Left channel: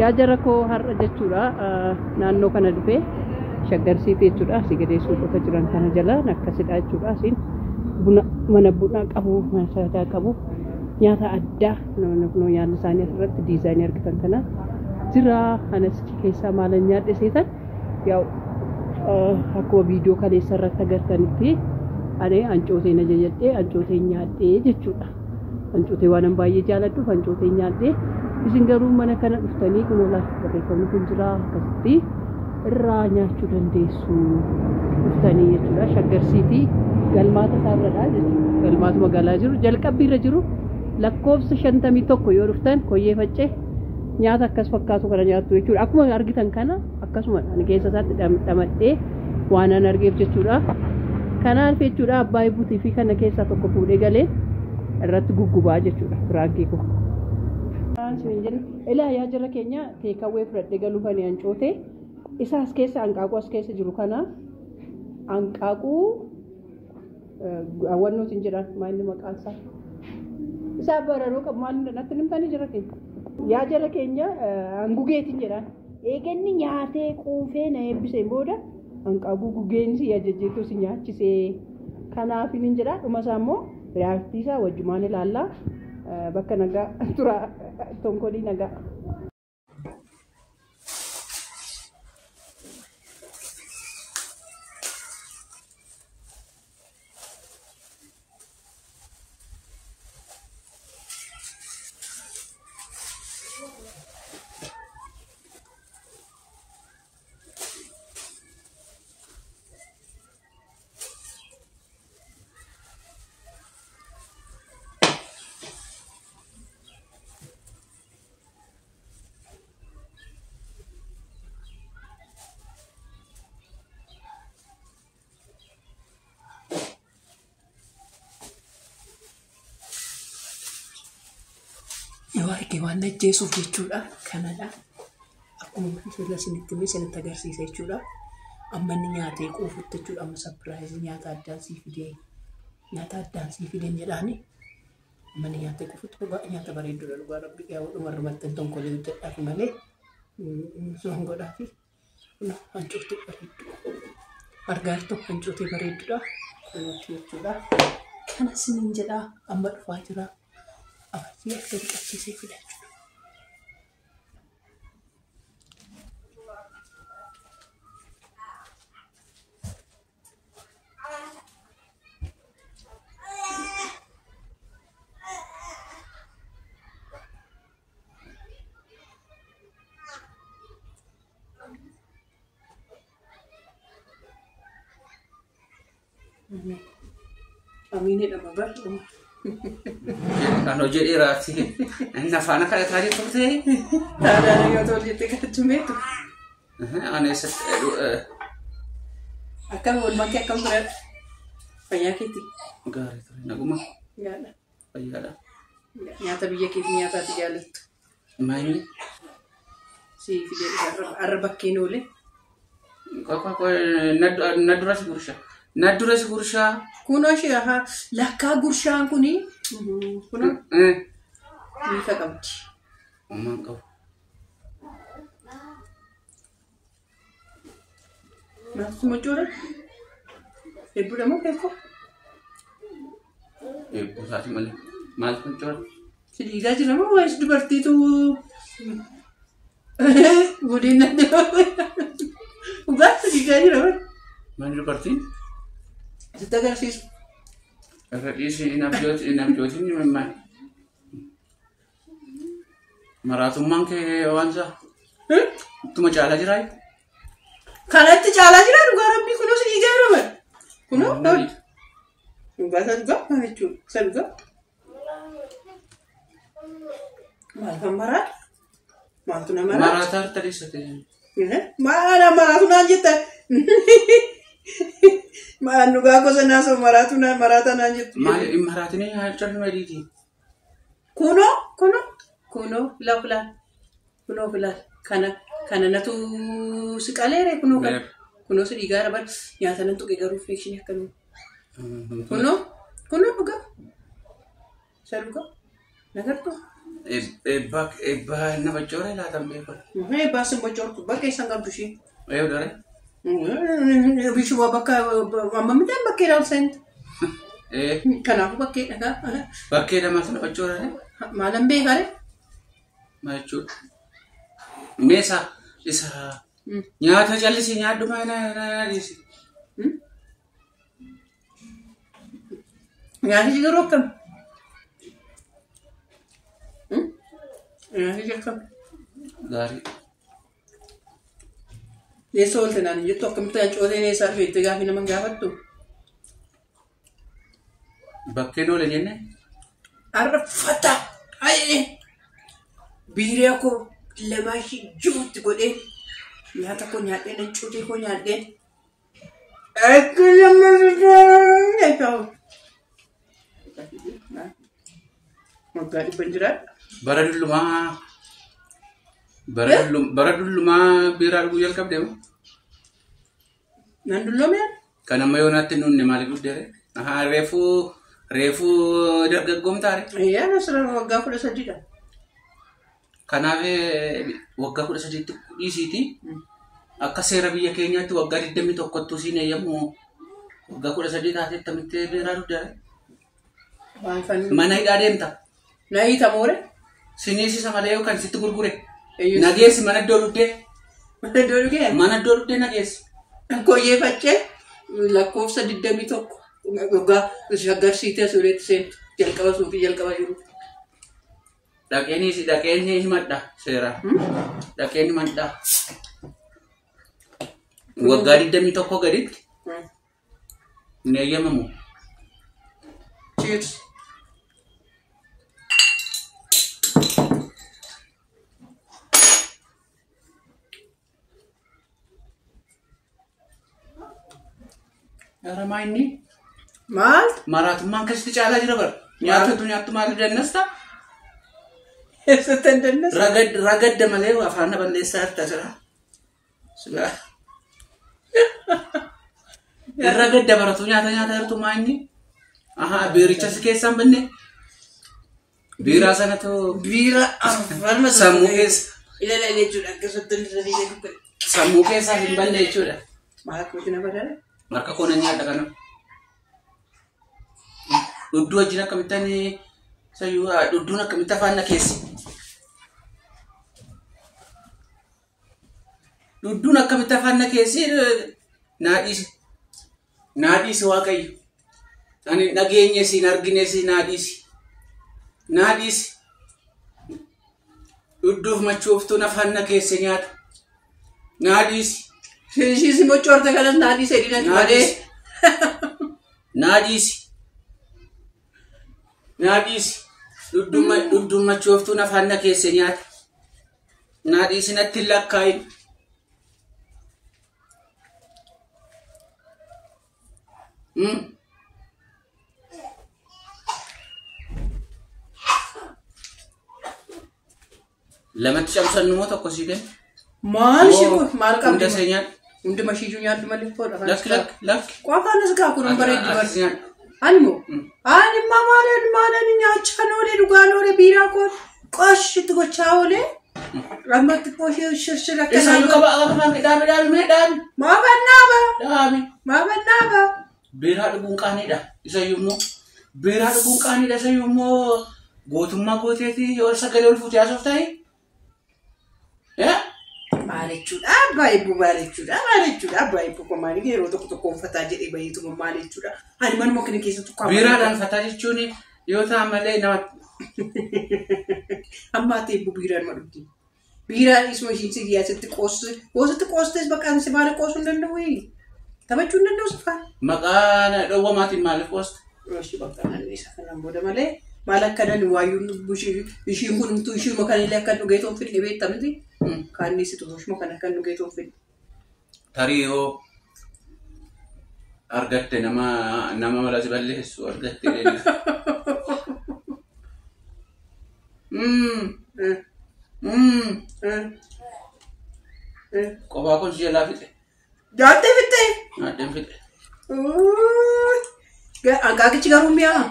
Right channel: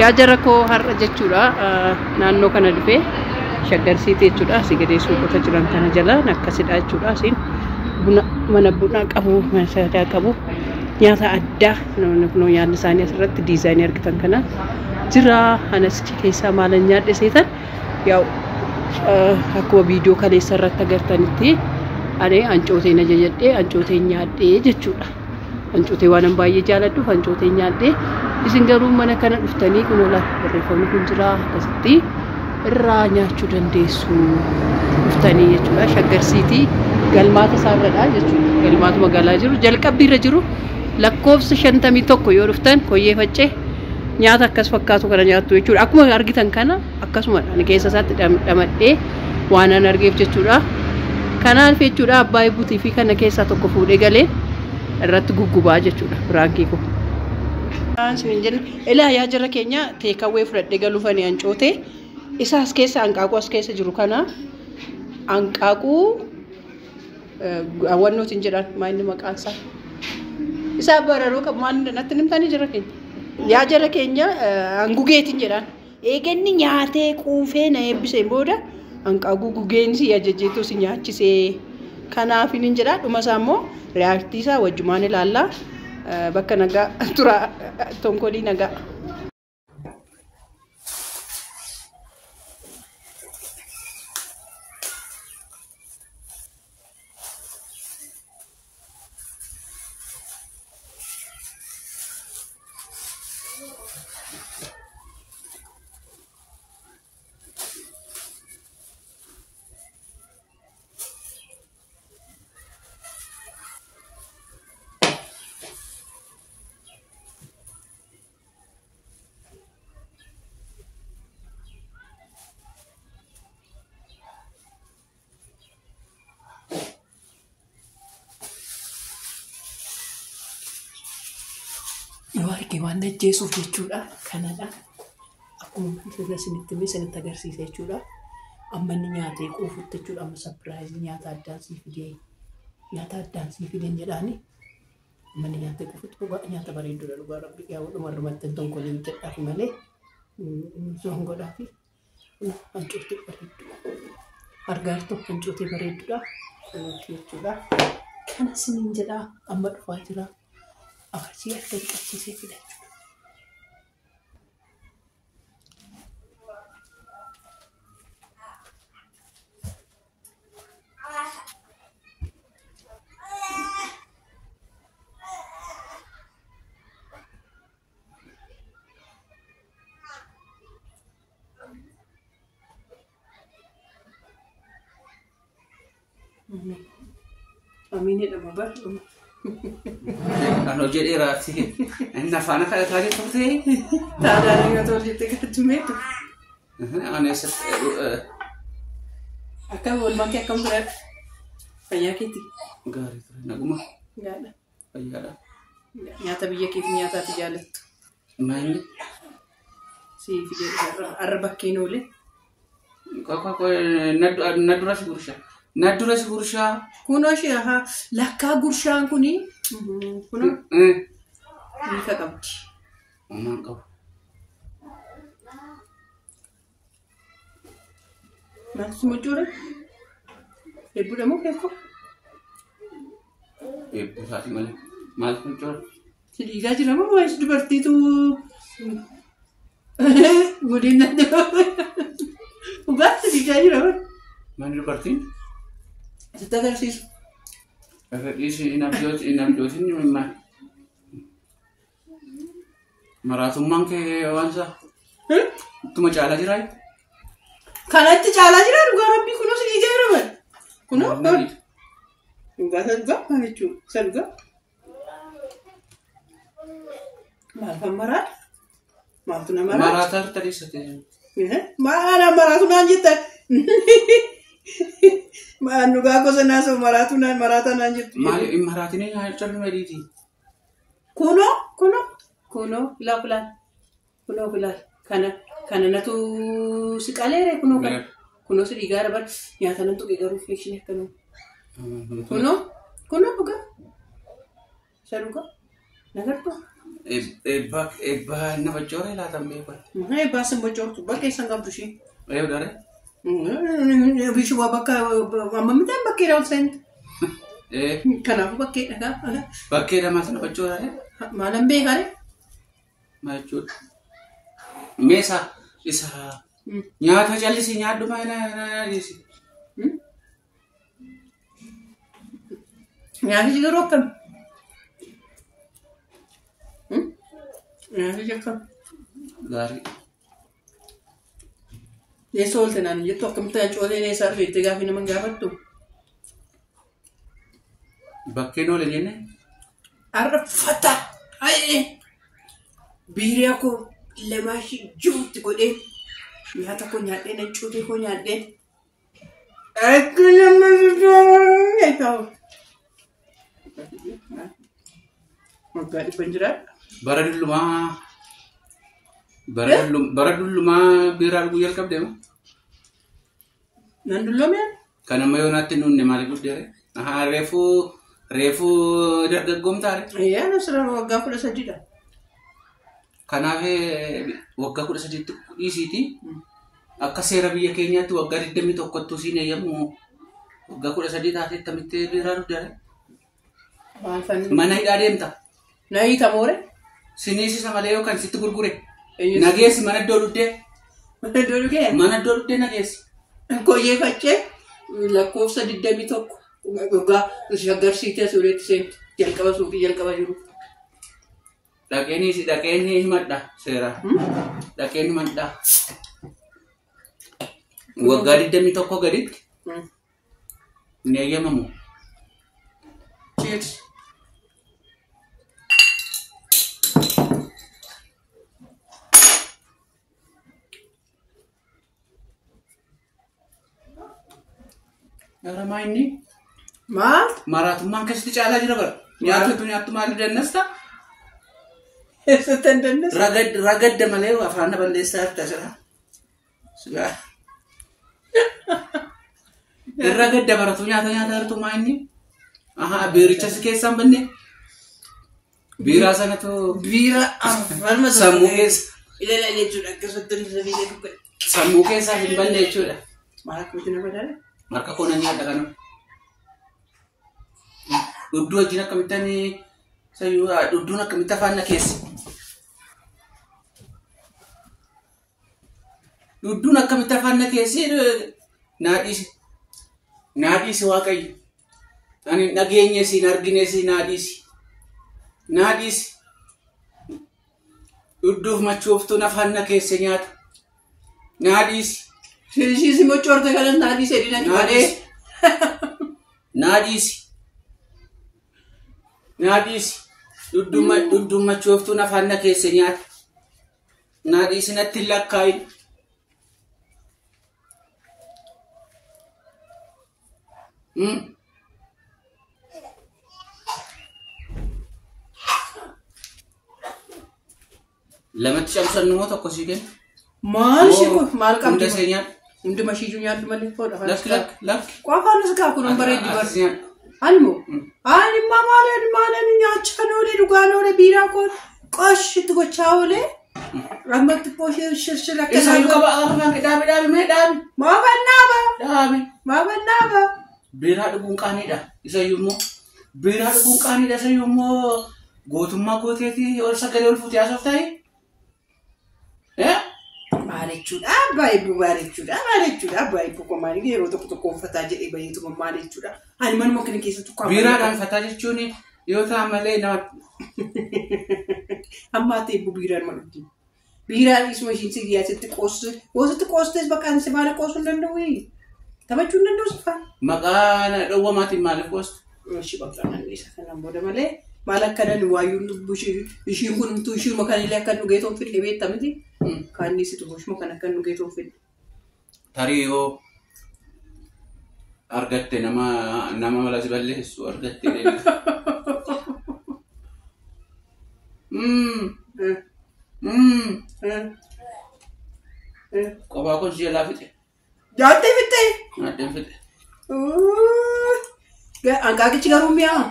yaa jara koo har'a jechuudha naannoo kana dhufee shaggarsiitii jechuudha asii gadee suuqota jiran kana jala akkasidha jechuudha asiin mana bunaa qabu mana saadaa qabu nyaata addaa nyaanni isaanii asirratti diizaayinii argitan kana jira anas keessaa maalan nyaadhe seetan yaa'u akkuma viidiyoo kaleessa irratti agartanitti ani ancootee na jajadhee ancootee nyaadhee jechuudha ancootee waan baay'ee jaaladhuuf ancootee nyaadhee isin garuu mana kana dhuftanii kun ola barreeffamni kun jira akkasitti irraa nyaachuu dandeessu dhuftanii jechuudha shaggarsiitii galmaata isaarradha jechuudha galmaatu magaalaa jiru jalqabbiirra jiru lakkoofsa 51 yoo dhuftan koyyee faccee nyaata akkas fakkaatu kana nyaattu jechuudha akkuma argitan kana akkasuma ani keessa isaatti dhamadhee waan an argeef jechuudha kanaaf jechuudha abbaa buutii fi kana keessaa tokko fuudhee galee irratti guggubaa jechuudha biraankii kun ilaa yaa jara keenya teekawwee fudhadhee galuufanii ancootee isaas keessa hanqaaquu as keessa jiru kana hanqaaquu awwannootiin jedhan maayinni maqaan isaa isaa bararoo qabu maal natti nimtanii jara keenya yaa jara keenya hangugeetiin jedhan eeganni nyaatee quufee na eebbiseen booda hanqaaquu gugeensi ajajjeetu si nyaachisee kanaaf hin jedha dhuma isaa immoo reaaktii isaa wajjumaan ilaallaa bakka nagaa tura tonkolii nagaa Wargi waan ajjeesuuf jechuudha kanadha akkuma isinitti isinitti agarsiisa jechuudha amma inni nyaatee quufutti jechuudha amma surprise nyaata addaan sii fideen jedhaani amma inni nyaatee quufutti nyaata bareeddudha dhugaa rabbi yaa dhumarra maxxan tonkolee hojjedhaaf malee soon godhaafi hancuutii bareeddu argaartu hancuutii bareeddudha jechuudha kana sinin jedha amma dhufaa jira Así es que así se fue. A mí ni la mamá. Ano jadi rapi, anda fana kalau tadi tu sih. Tak ada yang tahu dia tekat cuma itu. Ane set. Akan boleh makan kamera. Banyak itu. Enggak itu, nak guma. Enggak ada. Banyak ada. Nyata biaya kita nyata 3 lit. Main. Si video arbak kilo le. Kau nadura si gursha. Nadura si gursha. Kuno sih ha. Lakka gursha kuni. Kuno. Ini kakak. Mama kau. Masuk muncul. Ibu dah mau kau. Ibu saat ini masuk muncul. Jadi gaji lama wajib seperti itu. Budina tu. Ubah jadi gaji lama. Mana seperti? Setelah sih. Kalau di sini inapjot ini memang marathon ke wanza. Tu macam ala jirai? Kalau itu cala jirai, gua rapi kuno sini jirai apa? Kuno? Enggak juga, mana cu? Saya juga. Malah marat. Malah tu nama marat. Marat tadi setengah. Mana marat tu nanti tak? Mana juga aku senasa maratan anjir. Marat ini hanya cuma mediti. Kuno, lakukan. Kuno belar. Karena natu sekalere kuno kan. Kuno sedikit apa? Ya tanam tu kita reflection ya kuno. Kuno juga. Saya juga. Nagar tu. Ebba nama jore la tambe ba. Ebba sem bojortu ba kesan kabdushi. Dare. Bishu baka amma mita bakira sent. Kana bakira ka. Bakira mas nama jore. Malam be gare. Machu. Mesa isa. Nyaata jallisi nyaaddu maana disi. Nyaati jigaro kan. Nyaati jigaro. Gari. Le solte nan jetto kam tan chode ne sarve te gafi na mangavattu. Bakke no le nyenne. Arfata. Ai. Biiriya ko lemashi juutti godhe nyaata ko nyaadhe na cuutii ko nyaadhe akka namni jaalatu maggaa dhibban jiraadha. Bara dullumaa biiraa dhuguu jalqabde moo? Nan dulloomee? Kan amma yoonaatti nunne maali guddeere? Reefuu dargaggoomtaare? Yaa nasira waggaa 13dha. Kanaaf waggaa 13 dhiisiiti. Akka seera biyya keenyaatti waggaa 21 siin eeyyamu waggaa 13 taatee tamittee biiraa dhugdeere. Mana hidhaa deemta. Na hiita moore? Siniisisa malee yookaan sitti gurgure. Nageessi mana iddoo dhuddee. Mana iddoo dhugee? Mana iddoo dhuddee nageessi. Koyyeeffachee lakkoofsa 21 waggaa shaggarsiitee suureetti seentu jalqaba suuqii jalqaba jiru. Dhaqeenii himadha seera. Dhaqeenii himadha. Waggaa 21 gaditti hin eeyyamamu. Cheers. Nama ini Maal? Maraatummaan keessatti caalaa jira bara. Nyaattu maal dannasta? Eessatti dannasta? Ragadda malee afaan balleessaa harka jira. Sila. Ragadda baratu nyaata jirtu maanyi. Aha, biirichas keessaan banne. Biiraa sanatu Biira afaan sammuu keessa. Ilaalee jechuudha akkasatti ilaalee jechuudha. Sammuu keessaa hin banne jechuudha. Maal kuutina badale? Maka kona nyaata kana. Dudduu wajjin akkamittan dudduun akkamitti afaan keessa. Dudduun akkamitti afaan keessi naadhiisi waaqayyo. Ani dhageenye siin argine siin naadhiisi. Dudduuf machooftuun afaan keessa nyaata. Naadhiisi. Sisi mochorte kanas naadhiisi edina badee. Naadhiisi. Dudduun machooftuun afaan keessa nyaata. Naadhiisi natti lakkaayi. Lamatti cabsannu moo tokko sii kenna? Maal shiku maal qabdi? Hunda see nyaata. Hundi mashiitu nyaatu malee foodha. Lakki. Qofaanus kaa kun bareeddi barsi. Ani maalan nyaachaa noolee dhugaa noolee biiraa koon qoshitti gochaa oolee. Rammatti pooshee shirshira akka Isa yuka afaan dhaabi. Maabannaaba. Biiraa dhuguun qaaniidha. Isa yommoo gootummaa gooteetii yoo sagalee ol fuutee haasofta ta'e. Maalichuudha baay'ee ko maali yeroo tokko uffataa jedhee baay'eetuma maalichuudha. Ani manuma kana keessatti qaama. Biiraadhaan uffataa jechuun yoo ta'an malee nama. Amma ta'e biiraan madubdi. Biiraan isuma ishiin si giyyaasitti qoostes bakka si maala qoosuu hin danda'u. Taphachuu hin danda'u safaa. Maqaan dhowwamaatiin maaliif qoosta? Ishii bakka isa kanaan booda malee maal akka dani waayyuun ishiin kunumtuu ishiin makanillee akka dhugeetoon fidhee beektamiti. Kaanni situ bushuma kana kan dhugeetoon fidhe. Tarii yoo argatte nama malati balleessu argatte. Kophaa kun si jalaa fixe. Jaattee fixe? Jaattee fixe. Angaagichi garuu mi'aa?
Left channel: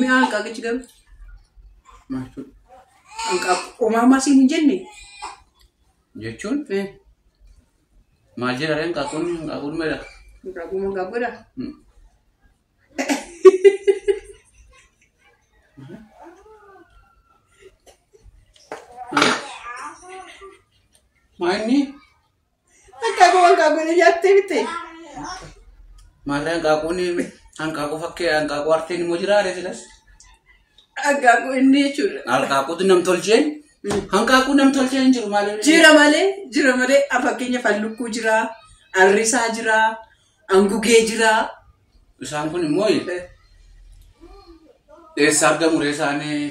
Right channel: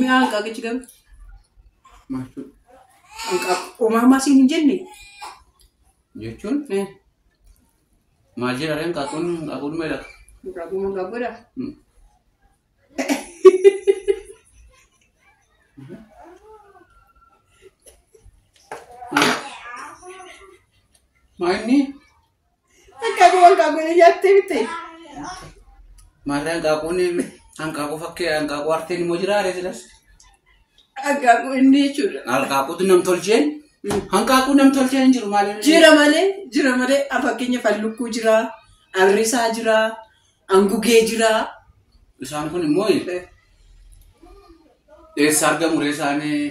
Mi'aa angaagichi garuu? Maal Hanqaaquu maama siin hin jenne. jechuun maal jedhare hanqaaquun meedha? Hanqaaquu magaagodha. Maanni? Hanqaaquu jaattee bitee. Maarraa hanqaaquu fakkee hanqaaquu arteen immoo jiraare silas? Hanqaaquu inni jechuudha. Hanqaaquutu nam tolcheen? Hanqaaquu nam tolcheen hin jiru maaliif? Jira malee fakkeenyaaf hallukkuu jira, arrisaa jira, angugee jira. Isaan kun immoo eessa argamu isaanii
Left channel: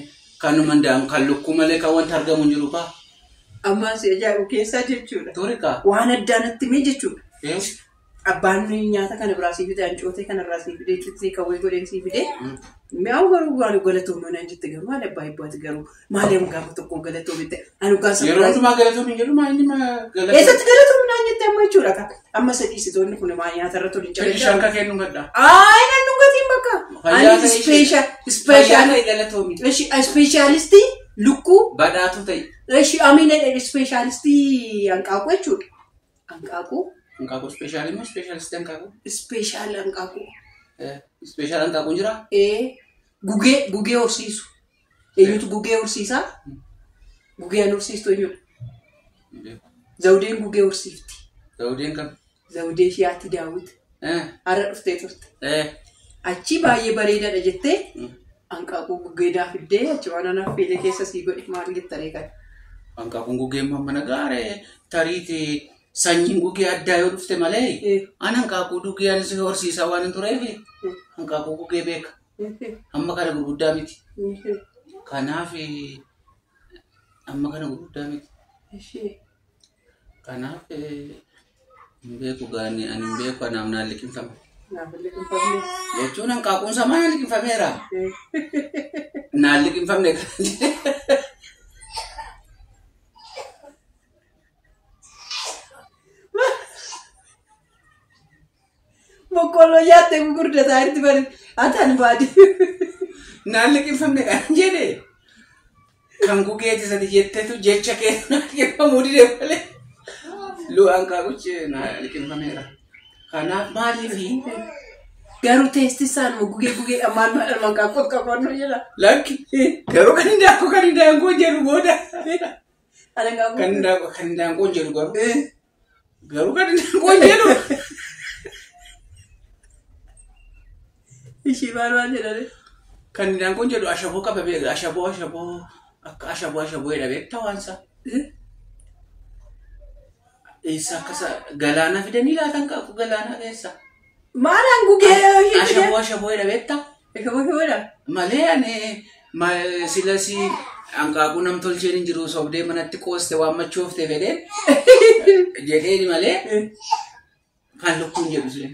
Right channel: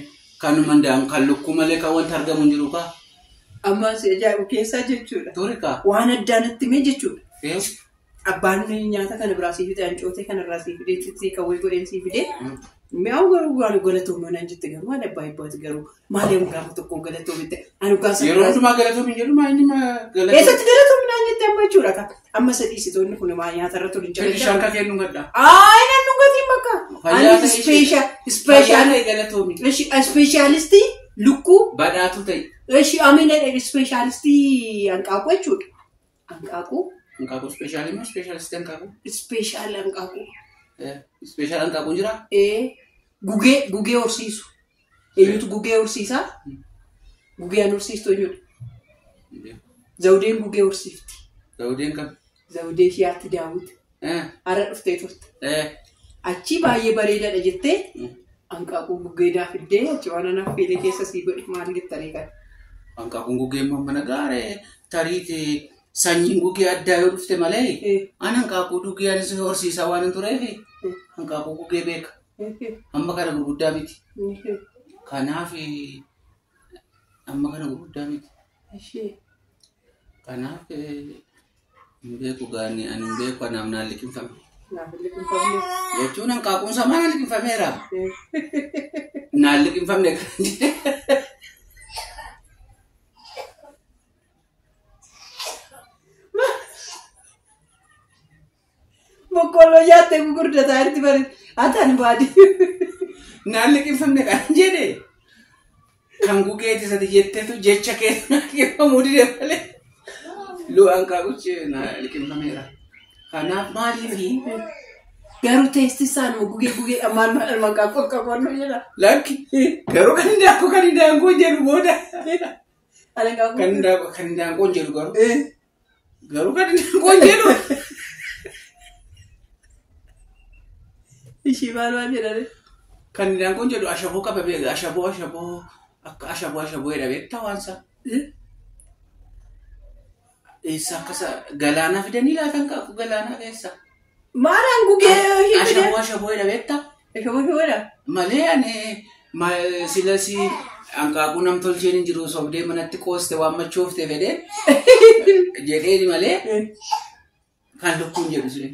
kanuma kan lukkuu malee kan wanti argamu hin jiru kaa? Ammas ajaa'ibu keessaa jechuudha. Torikaa? Waan addaa natti mee jechuudha. Eessa? Abbaan nyaata kana biraa sii fide, ancootee kana biraa sii fide, itti kawwee godheen sii fide. Mi'aawu garuu waan galatoomuu naan jette garuu waan abbaa ibbaati garuu maaliif gaafa tokkoon galatoomitte? Yeroo hundumaa galatoomi jedhu maayinni galatoomi? Eessatti galatoomi naan jette amma jechuudha. Amma sadhiisitoonni kun nyaata irratti waliin cabachaa. Shanka kennu gaddaa. Nan dhugatiin bakka. Ani ispeeshaalistii lukkuu. Badhaatu ta'e. Ispeeshaalistii hanqaaquu jechuudha. Hanqaaquu. Hanqaaquu ispeeshaalii moo ispeeshaalistii hanqaaquu? Ispeeshaal hanqaaquu. Ispeeshaal hanqaaquun jira? Gugee horsiisu. Eenyutu gugee horsiisaa? Gugeen horsiistu eenyudha? Zawudeen gugee horsiifti. Zawudeen kam? Zawudee shiyaatti daawwiti. Har'a dhuftee turte. Achi baay'ee bareedaadha jettee hanqaaquu gugeedhaa fiddee achi waan anaaf feelee keessa sii godhe maal jettanii kan? Hanqaaquun gugeen mana gaaree tariiti sanyiin gugee addaa yoo dhufte malee an hanqaaquu gugee anis horsiisaa waan hin tureef hanqaaquu gugee beeka. Amma kana gurguddaa miti. Kanaaf amma kana gurguddaa miti. Kanaaf hin beeku gaanii ani hin beeku anaaf naan liqinfame. Jechuun hanqaaquun samaa liqinfameera. Naan liqinfamne kan jedhe. Boqqolloo nyaattee gurgurdataa itti bare ataan baadi. Naan liqinfamne kan jedhe. Kan gugeeti sadi jetteetu jecha keessa liqinfamuu dide malee. Hanqaaquchi naan liqinfameera. Kanaaf maaliifi? Garuu teessisaan gugee ammaan hanqaaquu akka qoonnoo jedha. Lakki garuu kan hin daangoo jedhu booda. Kan hin daangoo jedhu garuu. Garuu kan hin daangoo jedhu. Ishii maal jedhani? Kan hin daangoo jedhu ashaboo qaba beeka. Ashaboo akka ashaboo jedha beektaa waansa. Eessa akkasa galaana fidanii laatan qabu galaana keessa. Maalaan gugee fide? Ashaboo jedha beektaa? Ashaboo jedha? Malee ani silasi hanqaaquu nam tolcheen hin jiru sobdee manatti qooste waan machoofte fedhee jedhee malee kan lukkuun jedhu sile.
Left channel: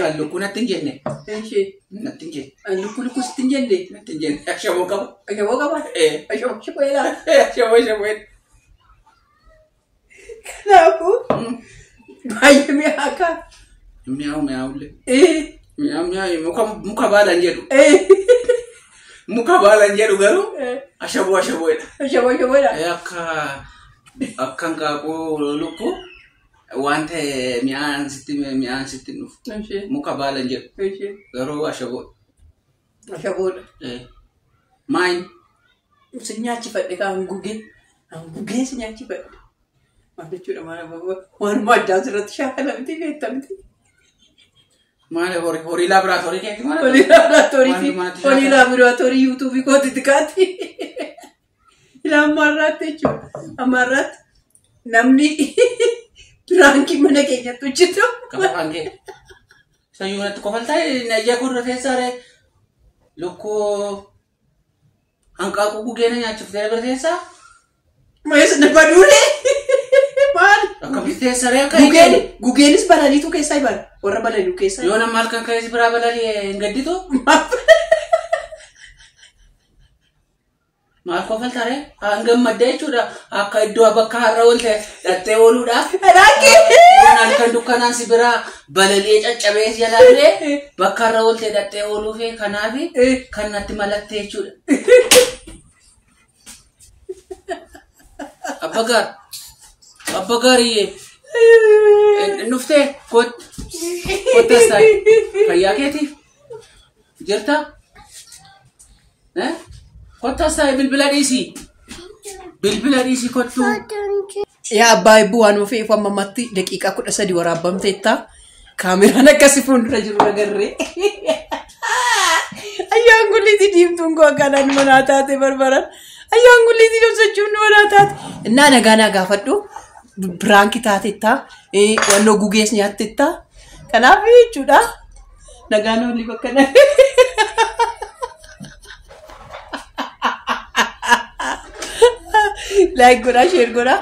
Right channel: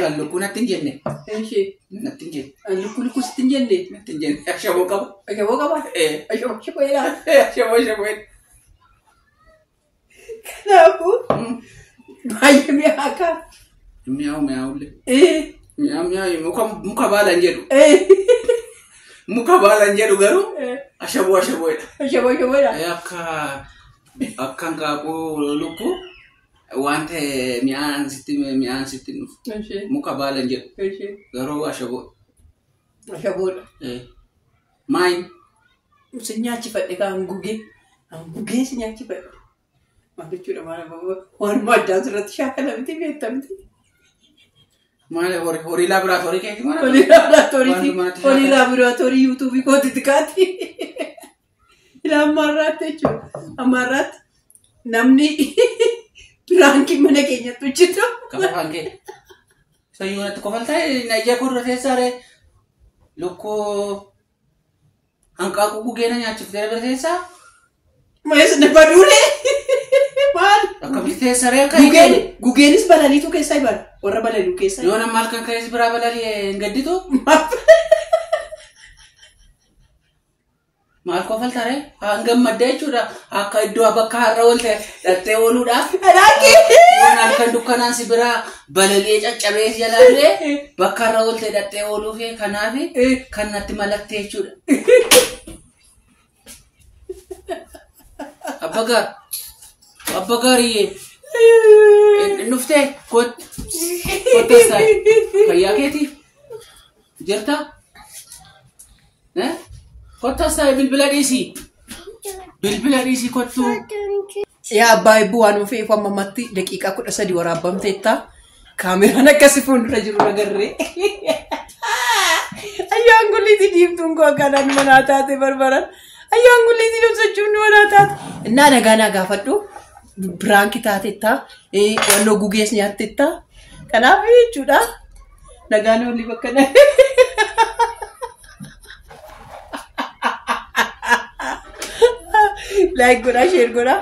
Kan lukkuu natti hin jenne. Natti hin jenne. Lukkuu sitti hin jenne? Natti hin jenne. Ashaboo qaba. Ashaboo qaba? Ashaboo jedha? Ashaboo jedha. Kanaafuu baay'ee mi'aakaa. Mi'aawullee. Mi'aawu muka baalan jedhu. Muka baalan jedhu garuu ashaboo jedha. Ashaboo jedha. Akka hanqaaquu lukkuu waan ta'e mi'aan sitti dhufu. Muka baalan jedhu garuu ashaboo. Ashaboodha. Maayin? Si nyaachifadhe kan gugee si nyaachifadhe. Jechuudha waanuma addaa asirratti shaakala miti beekta miti. Maali horii laaboraatoorii keeti maali? Horii laaboraatoorii yuutuubii kootitti kaatti. Ammaarraatti jechuudha. Ammaarraatti namni biraankii mana keenyatti hojjetu. Kafaan kee. Sayyuu natti kofaltaa najjaa kurra teessaare lukkuu hanqaaquu gugeena nyaachuuf jala bira teessaa? Maayes nama duulee. Akkamitti teessaree akka hin gugeenis balaliitu keessaa ibala. Warra balaliitu keessaa. Yoo nama halkan ka'ees biraa balalii hin gadditu? Maal kofaltaree? Hangam madda jechuudha. Akka iddoo bakka har'a oolte dhattee ooluudhaaf. Yoon halkan dukkanaan si biraa balali'ee caccabee jalaa fide bakka har'a oolte dhattee ooluuf kanaaf kan natti malattee jechuudha. Abba gaariye. Nufte kottestai. Fayyaa keeti. Jirta? Kottestai bilbila dhiisii. Bilbila dhiisii kottu. Yaa abbaa bu'aan ofii ifaan mamatti daqiiqaa 13 waraabamteetta. Kaameraan akkasi fuuldura jiru nagarree. Ayyaan gulliti diimtuun koo akkanaan manaa taate barbaran. Ayyaan gulliti dhobsachuun manaa taate. Innaa nagaa gaafadhu. Biraanki taatetta. Wannoo gugees nyaattetta. Kanaaf jechuudha. Nagaan olii bakka like godha share godha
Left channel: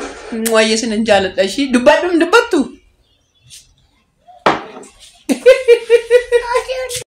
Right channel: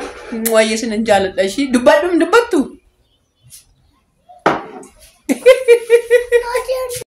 waayee sin jaaladha shi dubbadhum